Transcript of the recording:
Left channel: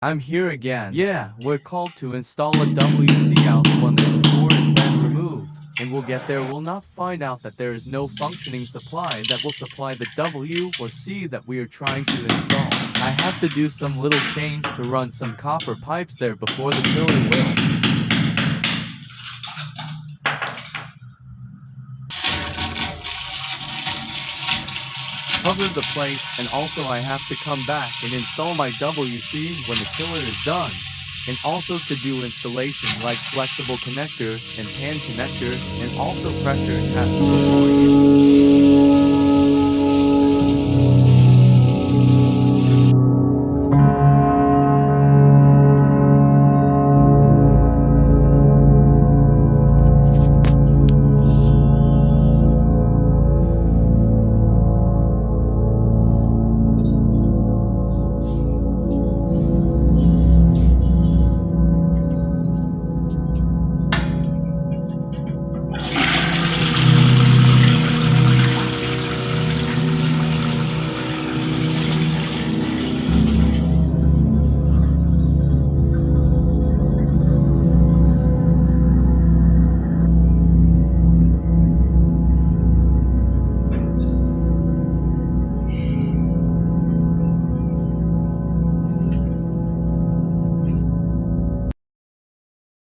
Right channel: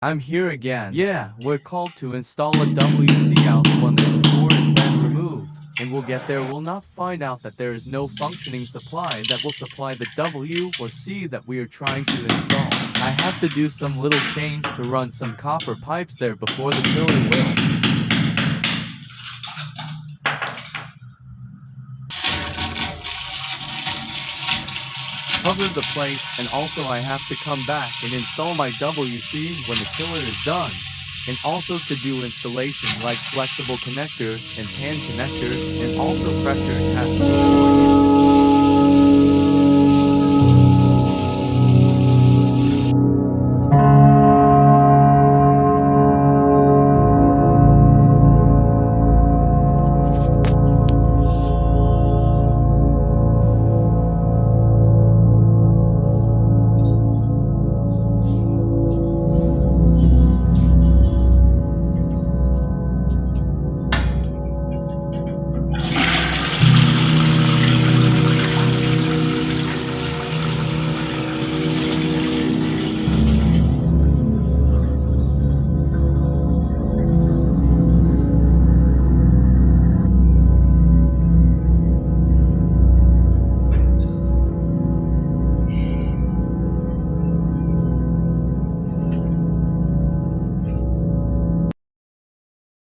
I'm here again. Yeah, we're called to install a WC out when the core has been removed. And we'll get there, we'll not find out that there is no functioning supply that will supply the W or C that we are trying to install. I have to do some little change to run some copper pipes there before the tiller will cover the place, and also I have to come back and install my WC when the tiller is done. And also to do installation like flexible connector and pan connector and also pressure test before using